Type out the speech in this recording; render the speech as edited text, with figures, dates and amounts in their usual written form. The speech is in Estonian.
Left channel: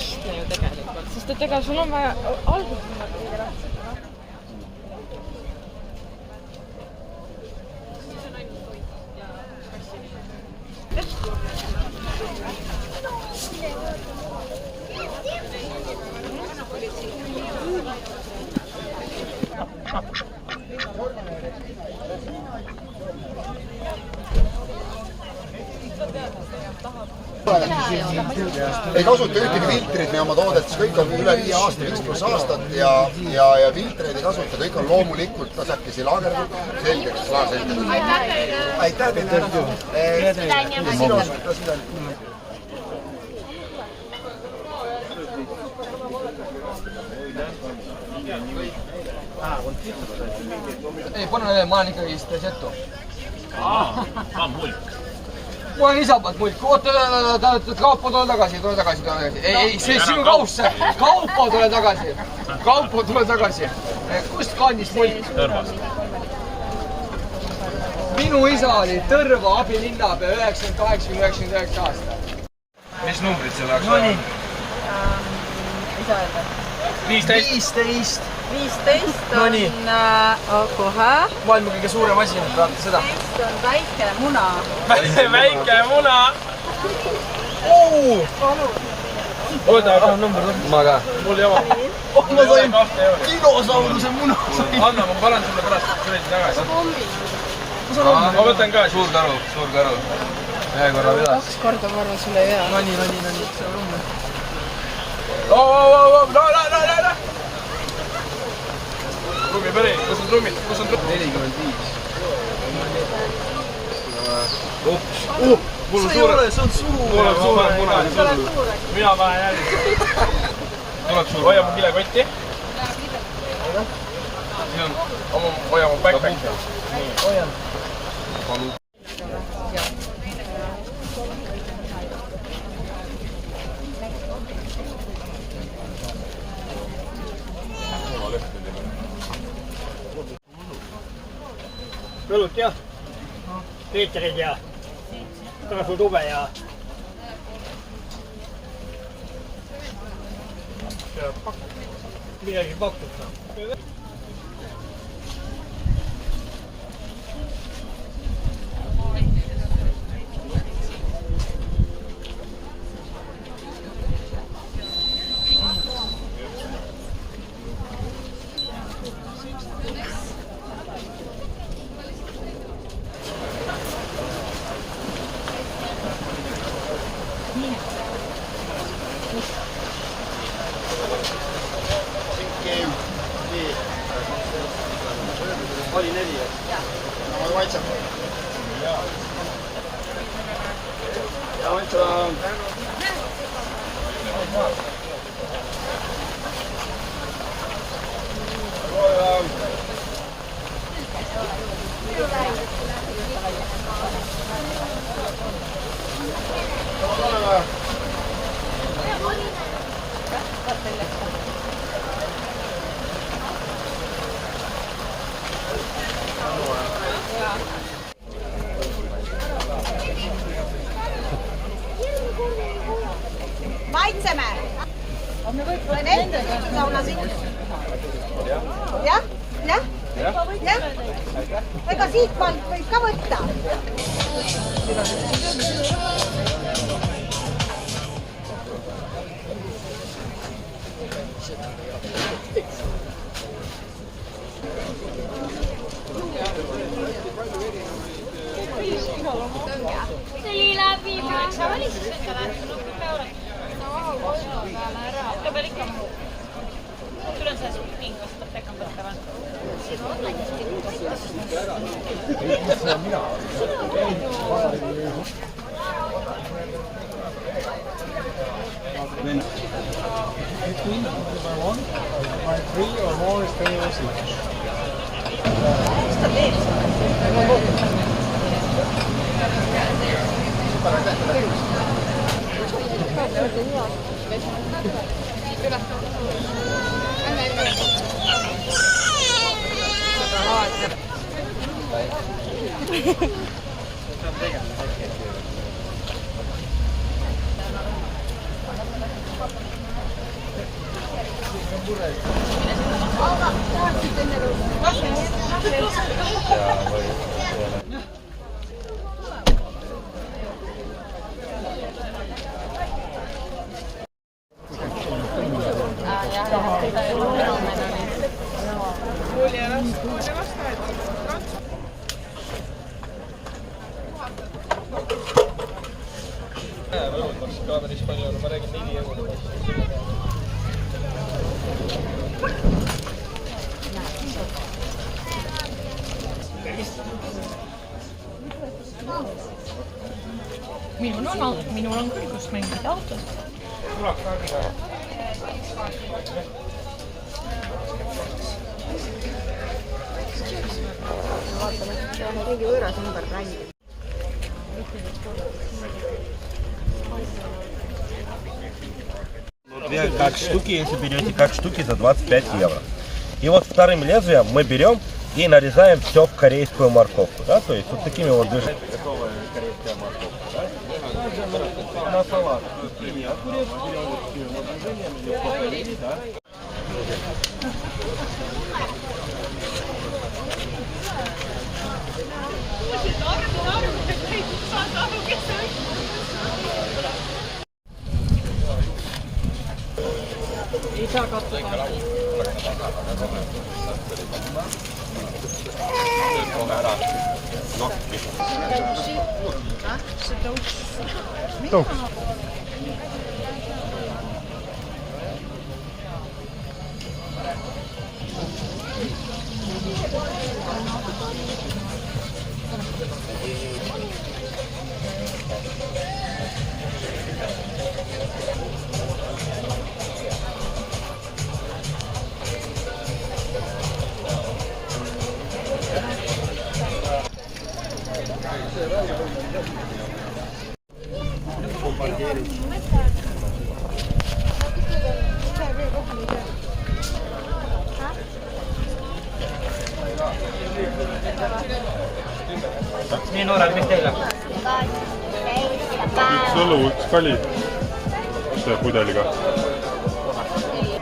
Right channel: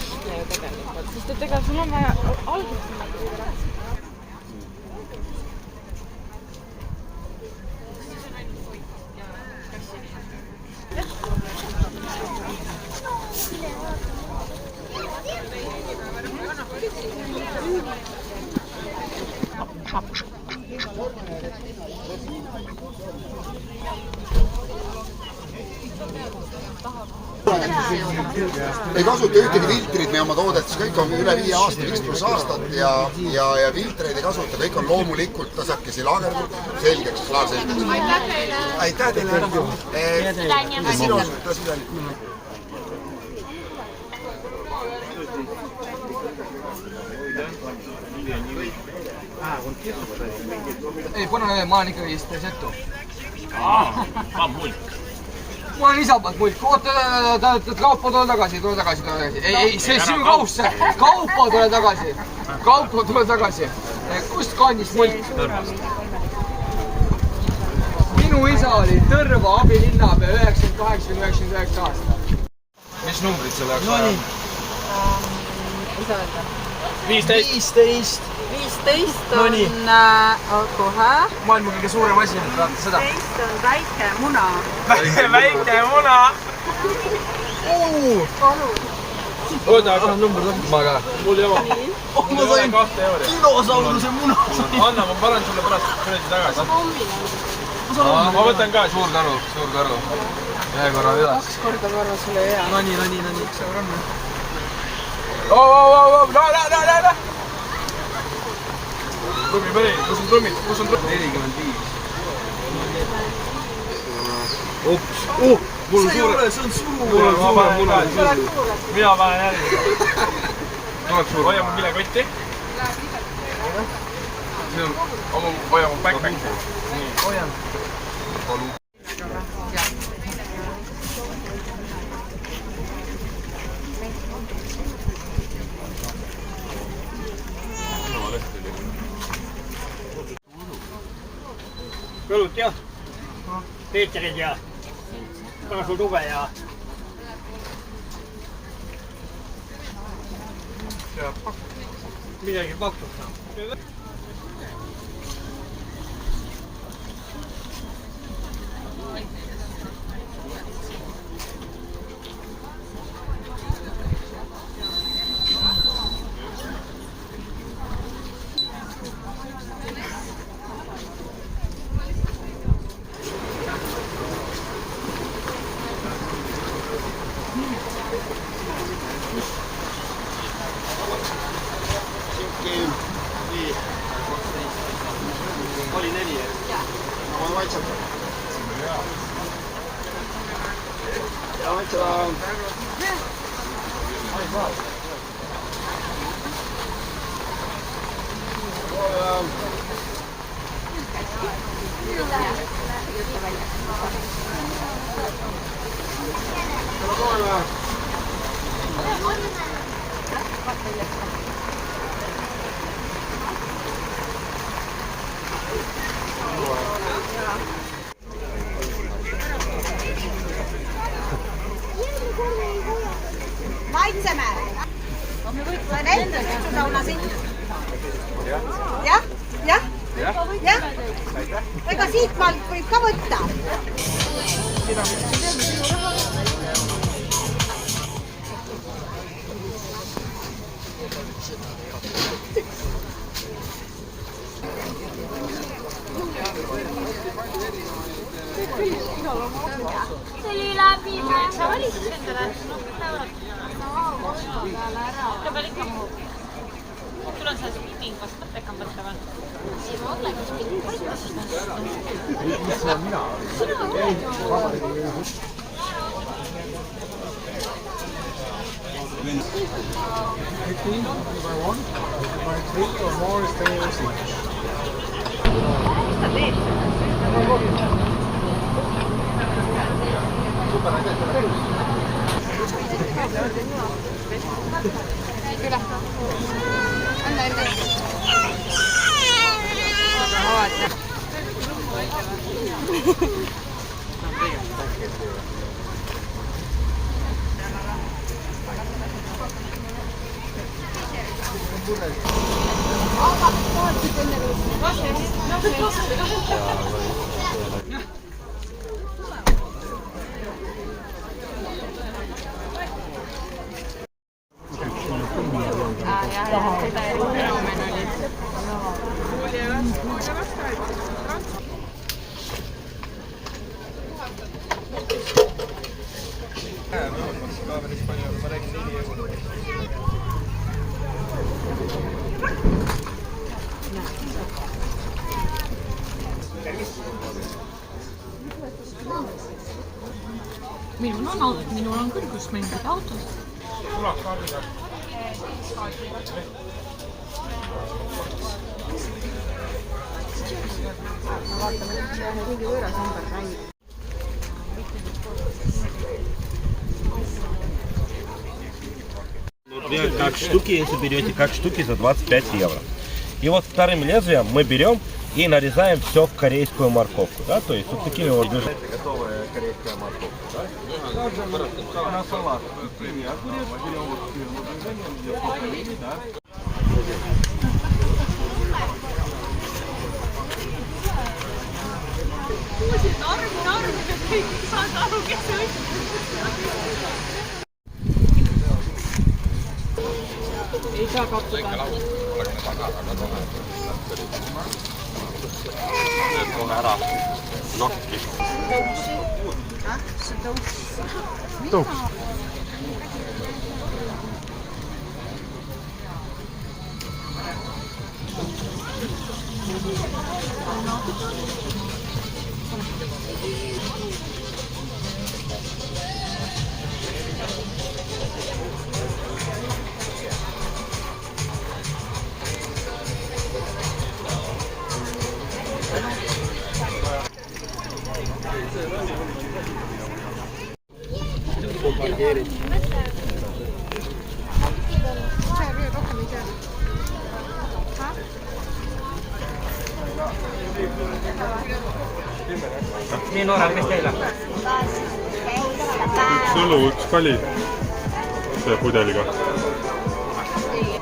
lihtne ju tegelikult, sest et ega sul on vaja alguses kõige tähtsam. Ei kasuta ühtegi filtrit meie oma toodetes, kõik on üle 5 aasta, 5+ aastat ja filtreid ei kasuta, kõik on loomulikult tasakesi laagerdatud, selgeks klaarselgeks. Aitäh teile! Ei, pane ma olen ikkagi setu. Mulk. Ma olen isapalt mulk. Oota, Kaupo, tule tagasi. Ei, see sinu kauss. Kaupo, tule tagasi. Kust kandist mulk? Tõrvast. Minu isa oli Tõrva abilinnapea 98–99 aastat. Mis numbrid selle jaoks vaja? Mis öelda? 15. 15 on kohe. Maailma kõige suurem asi, vaata seda. 15 on väike muna. Väike muna. Oota, aga number ma ka. Mul ei ole. Ma sain dinosauruse muna. Anna, ma panen sulle pärast kuradi tagasi. Ma võtan ka. Suur tänu. Ühe korra üles. 2 korda ma arvan sulle ei hea. No nii. No. Trummi päri, kus on trummid? 45. Ups. Mul on suure. See on suur. Mina panen järgi. Hoia mu kilekotti. Hoia mu backpacki. Nii. Hoian. Õlut ja Peeterid ja pane sul tube ja midagi pakud. Oli 4. No ma vaitsen. Ja vaitsen. Maitseme! Olen ette suhtuda oma siin. Jah? Ega siit maalt võib ka võtta. See oli läbi sul on see spinning vastu tekam võtta või? Siis ma mõtlengi spinning vastu. Mis see mina olen? Between by 1 or 3 or more stairs each. Mis ta teeb? Super, aitäh teile tegust! minul on küll, kus mängida autos. Как штуки, если берете как штуки за 25 евро. И вот вторым лезвием мы берем и нарезаем все в корейскую морковку. Да? То есть вот такими вот движениями. Готовая корейская морковка. Да? На салат. Огурец берем вот такими вот движениями. Да? Ei saa katsotaan. Kohe ära nokki. Nii noorel, mis teil on? Üks õlu, üks kali selle pudeliga. Nii.